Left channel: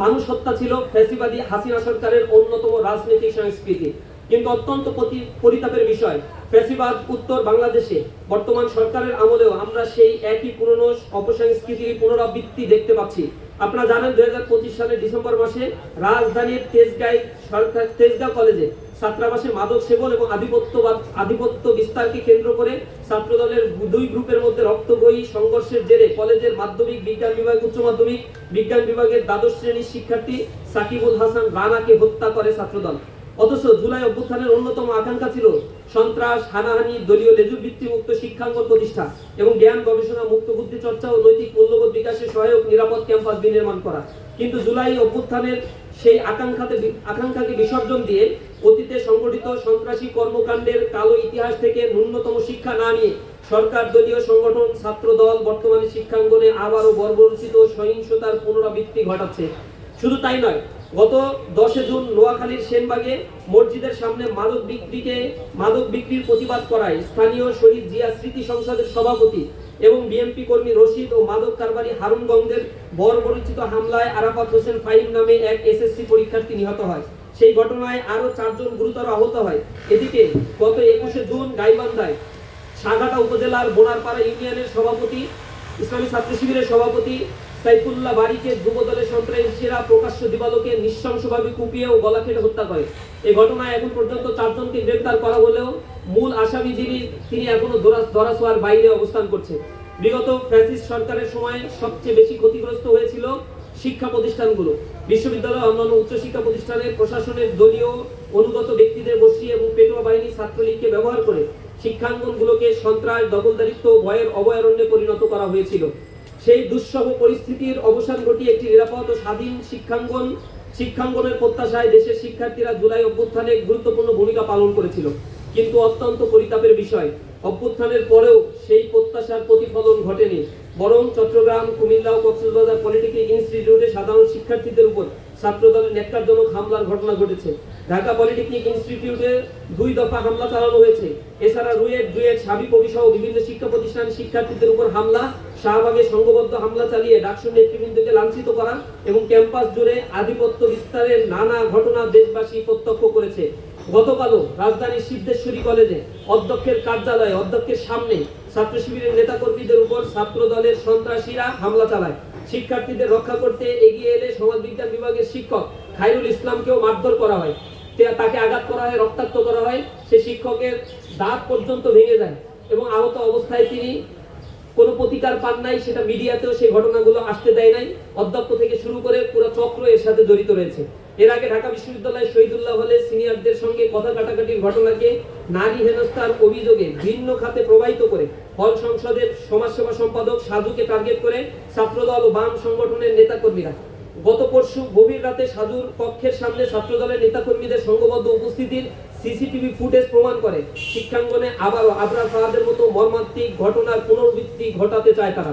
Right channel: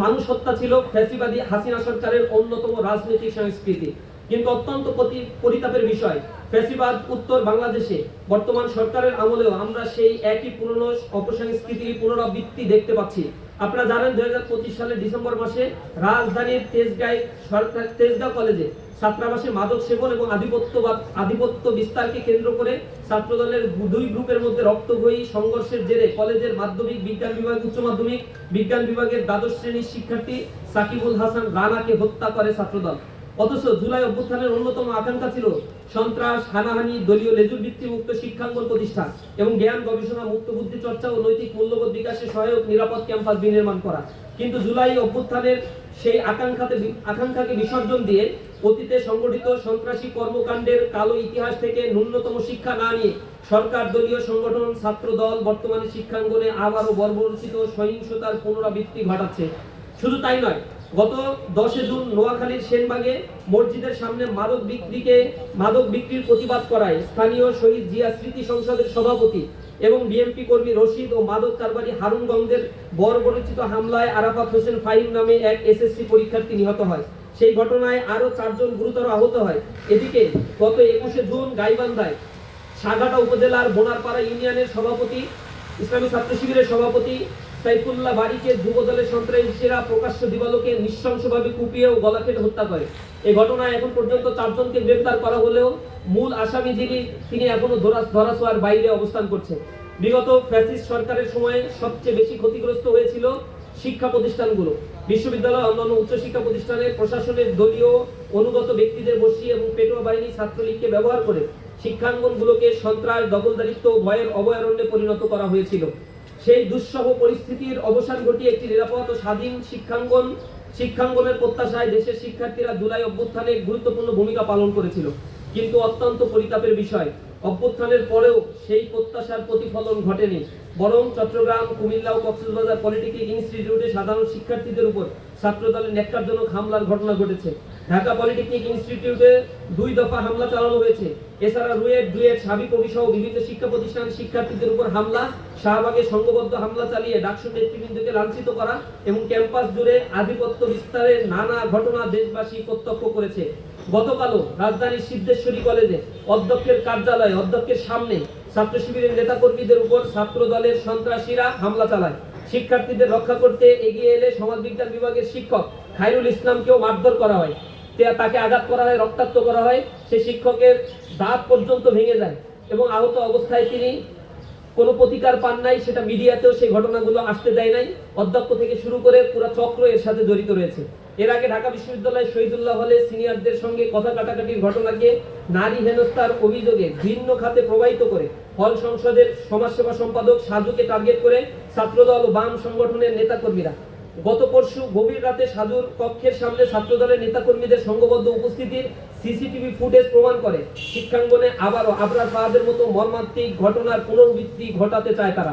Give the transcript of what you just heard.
মানুষ হত্যা ছিল ফ্যাসিবাদী হাসিনা সরকারের অন্যতম রাজনৈতিক সংস্কৃতি। কিন্তু অত্যন্ত পরিতাপের বিষয়, ফ্যাসিবাদ উত্তর বাংলাদেশে বর্তমান সরকারের আমলেও আমরা সেই একই পুরনো অপসংস্কৃতির পুনরাবৃত্তি দেখতে পাচ্ছি। আপনারা জানেন 2025 সালের ডিসেম্বর মাসে রাজধানীর তেজগাঁও কলেজে ছাত্রাবাসে মাদক সেবন এবং আধিপত্য বিস্তারকে কেন্দ্র করে ছাত্রদলের দুই গ্রুপের মধ্যে রক্তক্ষয়ী সংঘর্ষের জেরে কলেজের মাধ্যমিক বিজ্ঞান বিভাগ, উচ্চ মাধ্যমিক বিজ্ঞান বিভাগের দ্বাদশ শ্রেণীর শিক্ষার্থী সাকিবুল হাসান রানাকে হত্যা করে ছাত্রদল। অথচ জুলাই অভ্যুত্থানের অন্যতম আকাঙ্ক্ষা ছিল সন্ত্রাস, হানাহানি, দলীয় লেজুর ভিত্তি মুক্ত শিক্ষাঙ্গন প্রতিষ্ঠা এবং জ্ঞান গবেষণা মুক্ত বুদ্ধি চর্চা ও নৈতিক মূল্যবোধ বিকাশে সহায়ক নিরাপদ ক্যাম্পাস বিনির্মাণ করা। কিন্তু জুলাই অভ্যুত্থানের সেই আকাঙ্ক্ষাকে বিসর্জন দিয়ে অতীতে সংগঠিত সন্ত্রাসী কর্মকাণ্ডের কালো ইতিহাস থেকে ন্যূনতম শিক্ষা না নিয়ে সরকার দলীয় সংগঠন ছাত্রদল বর্তমানে শিক্ষাঙ্গনে আবারও বর্বরচিত সহিংসতার পুনরাবৃত্তি ঘটাচ্ছে। শুধু তাই নয়, গত 10 জুন নোয়াখালীর সেনবাগে মসজিদের সামনে মাদক বিক্রির প্রতিবাদ করায় স্থানীয় শহীদ জিয়া স্মৃতি সংসদের সভাপতি এবং বিএনপি কর্মী রশিদ ও মাদক কারবারি হারুন গঙ্গের বর্বরচিত হামলায় আরাফাত হোসেন ফাহিম নামে এক এসএসসি পরীক্ষার্থী নিহত হয়। সেই ঘটনায় আরো 4 জন গুরুতর আহত হয়। এদিকে গত 21 জুন গাইবান্ধায় সাগাটা উপজেলার বোনারপাড়া ইউনিয়নের সভাপতি, ইসলামী ছাত্র শিবিরের সভাপতি সাইফুল্লাহ বাড়িকে যুবদলের সন্ত্রাসীরা প্রকাশ্য দিবালোকে নৃশংসভাবে কুপিয়ে ও গলা কেটে হত্যা করে। এই ঘটনায় এখন পর্যন্ত 4 জনকে গ্রেফতার করা হলেও মূল আসামি তিনি এখনো ধরাছোঁয়ার বাইরে অবস্থান করছে। বিগত ফ্যাসিস্ট সরকারের সময় সবচেয়ে বেশি ক্ষতিগ্রস্ত হয়েছিল শিক্ষা প্রতিষ্ঠানগুলো। বিশ্ববিদ্যালয়, অন্যান্য উচ্চশিক্ষা প্রতিষ্ঠানে প্রশাসনের দলীয় অনুগত ব্যক্তিদের বসিয়ে এবং পেটোয়া বাহিনী ছাত্রলীগকে ব্যবহার করে শিক্ষাঙ্গনগুলোকে সন্ত্রাস, দখলদারিত্ব ও ভয়ের অভয়ারণ্যে পরিণত করা হয়েছিল। সেই দুঃসহ পরিস্থিতির অবসান ঘটিয়ে একটি নিরাপদ ও স্বাধীন শিক্ষাঙ্গনের প্রত্যাশায় দেশের শিক্ষার্থীরা জুলাই অভ্যুত্থানে গুরুত্বপূর্ণ ভূমিকা পালন করেছিল। কিন্তু অত্যন্ত পরিতাপের বিষয়, অভ্যুত্থানের পরেও সেই প্রত্যাশার প্রতিফলন ঘটেনি, বরং চট্টগ্রাম, কুমিল্লা ও কক্সবাজার পলিটেকনিক ইনস্টিটিউটে সাধারণ শিক্ষার্থীদের উপর ছাত্রদলের ন্যাক্কারজনক হামলার ঘটনা ঘটেছে। ঢাকা পলিটেকনিক ইনস্টিটিউটে 2 দফা হামলা চালানো হয়েছে। এছাড়া রুয়েট, সাবিপ্রবি সহ বিভিন্ন শিক্ষা প্রতিষ্ঠানের শিক্ষার্থীদের উপর হামলা, শাহবাগে সংঘবদ্ধ হামলা চালিয়ে ডাকসু নেতৃবৃন্দকে লাঞ্ছিত করা এবং ক্যাম্পাস জুড়ে আধিপত্য বিস্তারের নানা ঘটনা দেশবাসী প্রত্যক্ষ করেছে। গতকালও রাজধানীর সিদ্ধেশ্বরী কলেজে অধ্যক্ষের কার্যালয়ে অধ্যক্ষের সামনে ছাত্র শিবিরের নেতাকর্মীদের উপর ছাত্রদলের সন্ত্রাসীরা হামলা চালায়। শিক্ষার্থীদের রক্ষা করতে এগিয়ে এলে সমাজবিজ্ঞান বিভাগের শিক্ষক খায়রুল ইসলামকেও মারধর করা হয়, তাকে আঘাত করা হয়, রক্তাক্ত করা হয়। সে শিক্ষকের দাঁত পর্যন্ত ভেঙে যায় এবং আহত অবস্থায় তিনি কোনো প্রতিকার পান নাই। সেটা মিডিয়াতেও সেই ঘটনাগুলো আসতে দেয় নাই। অধ্যক্ষ থেকে শুরু করে পুরো চক্র এর সাথে জড়িত রয়েছে। এর আগে ঢাকা বিশ্ববিদ্যালয়ের শহীদুল্লাহ হলে সিনিয়রদের সঙ্গে কথা কাটাকাটির ঘটনাকে নারী হেনস্থার অভিযোগে ভিন্ন খাতে প্রবাহিত করে হল সংসদের সমাজসেবা সম্পাদক সাজুকে টার্গেট করে ছাত্রদল ও বাম সংগঠনের নেতাকর্মীরা গত পরশু গভীর রাতে সাজুর কক্ষের সামনে ছাত্রদলের নেতাকর্মীদের সংঘবদ্ধ উপস্থিতির সিসিটিভি ফুটেজ প্রমাণ করে শিক্ষাঙ্গনে আবারও আবরার ফাহাদের মতো মর্মান্তিক ঘটনার পুনরাবৃত্তি ঘটাতে চায় তারা।